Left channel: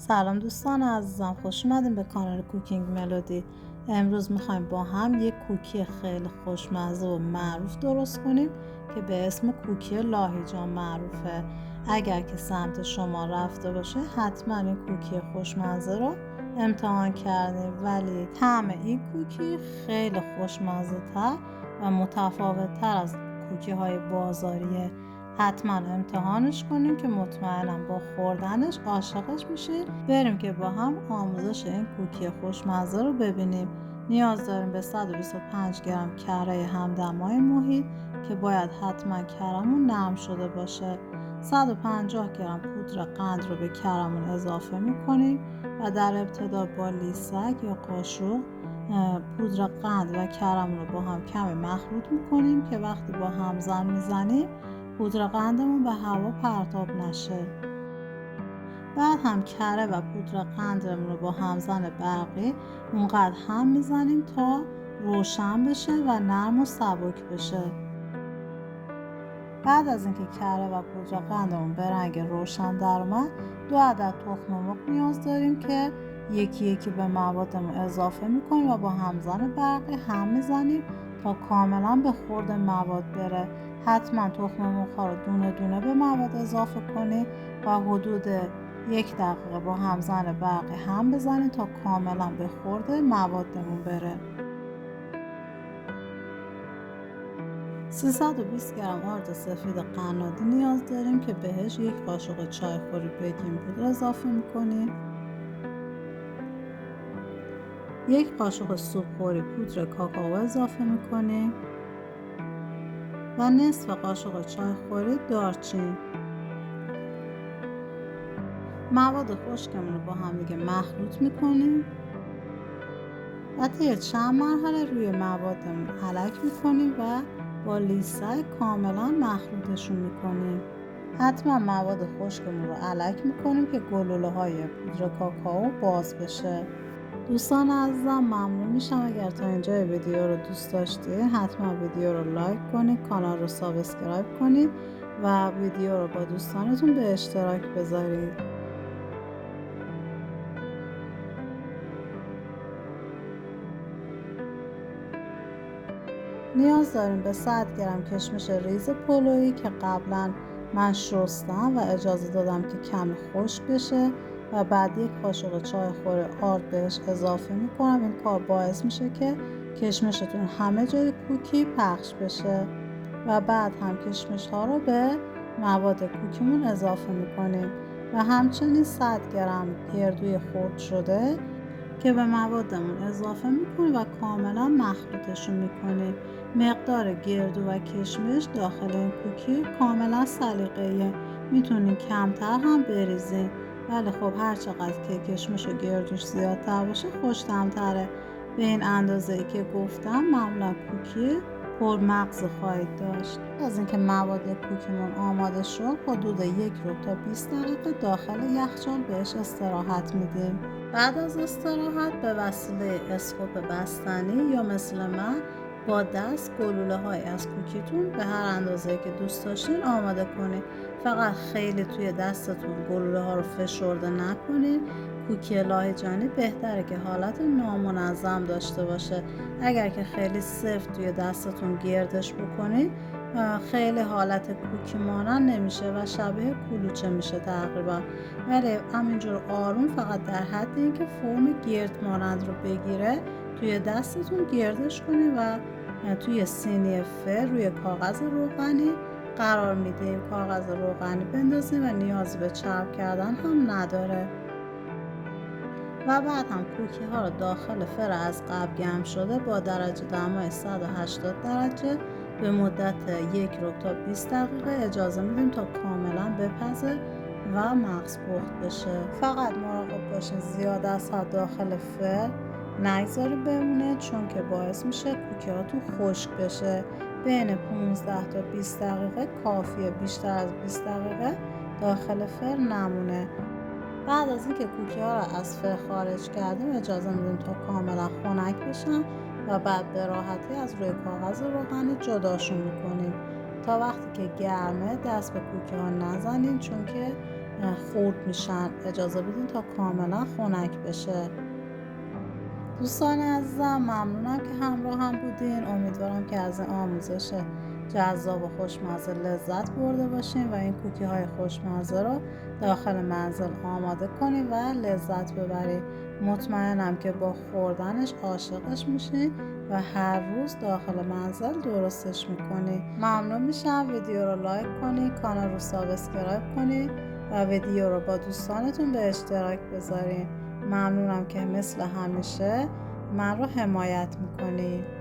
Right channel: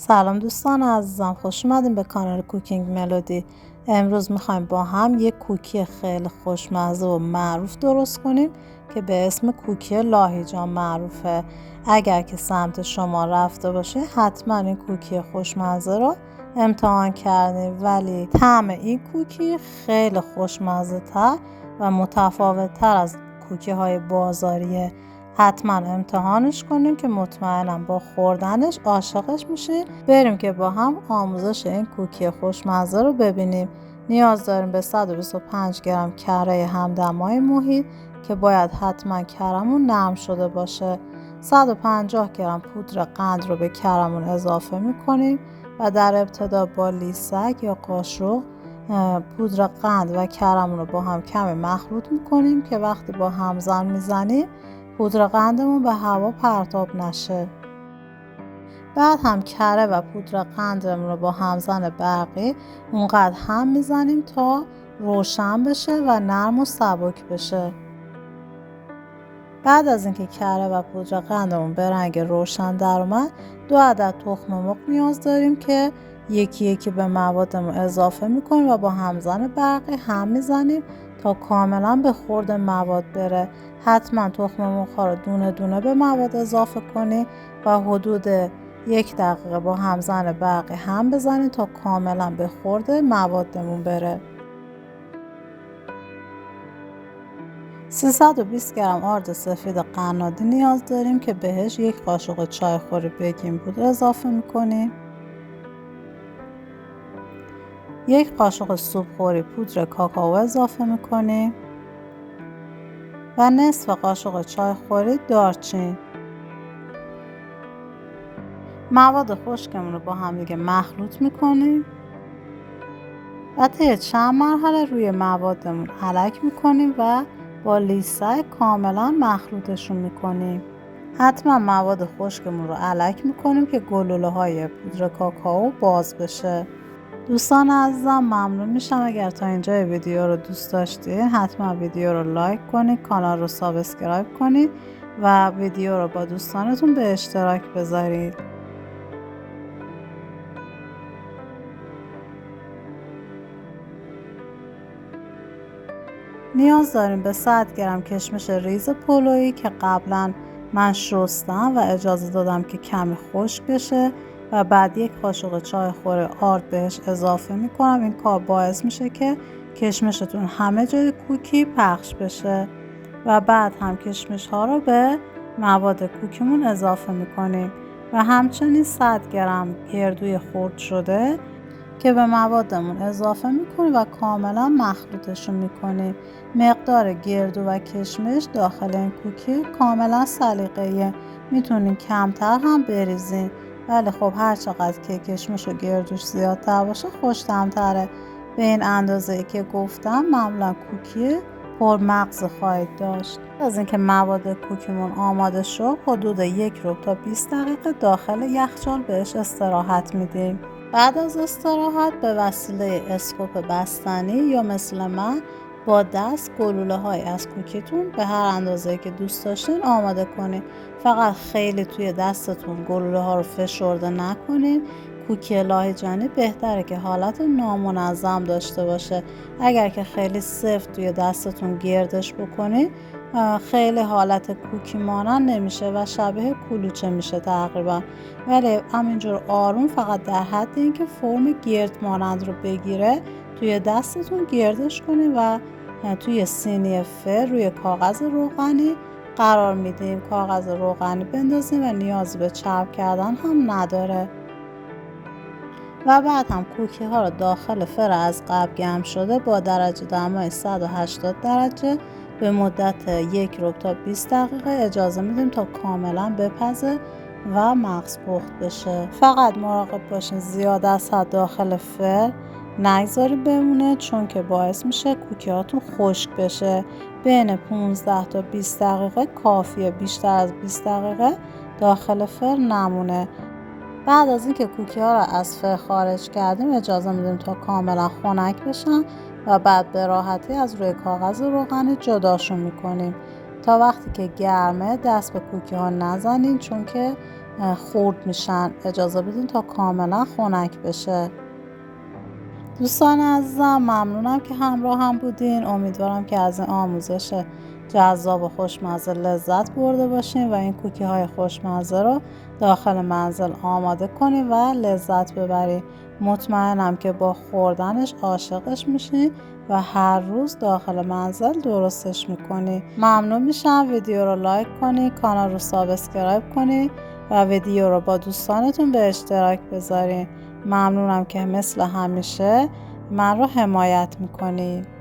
سلام دوستان عزیزم، خوش اومدیم به کانال کوکینگ ملودی. امروز میخوایم با هم یک کوکی خیلی خوشمزه و معروف درست کنیم که به اسم کوکی لاهیجان معروفه. اگر که سمت شما رفته باشه حتما این کوکی خوشمزه رو امتحان کردیم، ولی طعم این کوکی خیلی خوشمزه تر و متفاوت تر از کوکی های بازاریه. حتما امتحانش کنیم که مطمئنم با خوردنش عاشقش میشه. بریم که با هم آموزش این کوکی خوشمزه رو ببینیم. نیاز داریم به 125 گرم کره همدمای محیط که باید حتما کرمون نرم شده باشه. 150 گرم پودر قند رو به کرمون اضافه میکنیم و در ابتدا با لیسک یا قاشق پودر قند و کرمون رو با هم کمی مخلوط میکنیم که وقتی با همزن میزنیم پودر قندمون به هوا پرتاب نشه. بعد هم کره و پودر قندمون رو با همزن برقی اونقدر هم میزنیم تا روشن بشه و نرم و سبک بشه. بعد از اینکه کره و پودر قندمون به رنگ روشن در اومد 2 عدد تخم مرغ نیاز داریم که یکی یکی به موادمون اضافه میکنیم و با همزن برقی هم میزنیم تا کاملا به خورد مواد بره. حتما تخم مرغ رو دونه دونه به مواد اضافه کنید و حدود 1 دقیقه با همزن برقی هم بزنید تا کاملا به خورد موادمون بره. 320 گرم آرد سفید قنادی نیاز داریم که بهش 1 قاشق چایخوری بیکینگ پودر اضافه میکنیم. 1 قاشق سوپخوری پودر کاکائو اضافه میکنیم و نصف قاشق چایخوری دارچین. مواد خشکمون رو با هم دیگه مخلوط میکنیم و طی چند مرحله روی موادمون علک میکنیم و با لیسک کاملا مخلوطشون میکنیم. حتما مواد خشکمون رو علک میکنیم که گلوله های پودر کاکائو باز بشه. دوستان عزیزم ممنون میشم اگر تا اینجای ویدیو رو دوست داشتید حتما ویدیو رو لایک کنید، کانال رو سابسکرایب کنید و ویدیو رو با دوستانتون به اشتراک بذارید. نیاز داریم به 100 گرم کشمش ریز پلویی که قبلا من شستم و اجازه دادم که کمی خشک بشه و بعد 1 قاشق چایخوری آرد بهش اضافه میکنم. این کار باعث میشه که کشمشتون همه جای کوکی پخش بشه و بعد هم کشمش ها رو به مواد کوکیمون اضافه میکنیم و همچنین 100 گرم گردوی خرد شده که به موادمون اضافه میکنیم و کاملا مخلوطشون میکنیم. مقدار گردو و کشمش داخل این کوکی کاملا سلیقه‌ایه، میتونین کمتر هم بریزین، ولی خب هر چقدر که کشمش و گردوش زیادتر باشه خوش‌طعم‌تره. به این اندازه‌ای که گفتم معمولا کوکی پرمغز خواهید داشت. از اینکه مواد کوکیمون آماده شد حدود 1 ربع تا 20 دقیقه داخل یخچال بهش استراحت میدیم. بعد از استراحت به وسیله اسکوپ بستنی یا مثل من با دست گلوله های از کوکیتون به هر اندازه‌ای که دوست داشتین آماده کنید. فقط خیلی توی دستتون گلوله ها رو فشرده نکنید. کوکی لاهیجانی بهتره که حالت نامنظم داشته باشه. اگر که خیلی سفت توی دستتون گردش بکنید خیلی حالت کوکی مانند نمیشه و شبیه کلوچه میشه تقریبا، ولی همینجور آروم فقط در حد اینکه فرم گرد مانند رو بگیره توی دستتون گردش کنید و توی سینی فر روی کاغذ روغنی قرار میدیم. کاغذ روغنی بندازیم و نیاز به چرب کردن هم نداره. و بعد هم کوکی ها رو داخل فر از قبل گرم شده با درجه دمای 180 درجه به مدت 1 ربع تا 20 دقیقه اجازه میدیم تا کاملا بپزه و مغز پخت بشه. فقط مراقب باشین زیاد از حد داخل فر نگذارید بمونه، چون که باعث میشه کوکی هاتون خشک بشه. بین 15 تا 20 دقیقه کافیه، بیشتر از 20 دقیقه داخل فر نمونه. بعد از اینکه کوکی ها رو از فر خارج کردیم اجازه میدیم تا کاملا خنک بشن و بعد به راحتی از روی کاغذ روغنی جداشون میکنیم. تا وقتی که گرمه دست به کوکی ها نزنین، چون که خورد میشن. اجازه بدین تا کاملا خنک بشه. دوستان عزیزم ممنونم که همراه هم بودین. امیدوارم که از این آموزش جذاب و خوشمزه لذت برده باشین و این کوکی های خوشمزه رو داخل منزل آماده کنین و لذت ببرین. مطمئنم که با خوردنش عاشقش میشین و هر روز داخل منزل درستش میکنین. ممنون میشم ویدیو رو لایک کنین، کانال رو سابسکرایب کنین و ویدیو رو با دوستانتون به اشتراک بذارین. ممنونم که مثل همیشه من رو حمایت میکنید.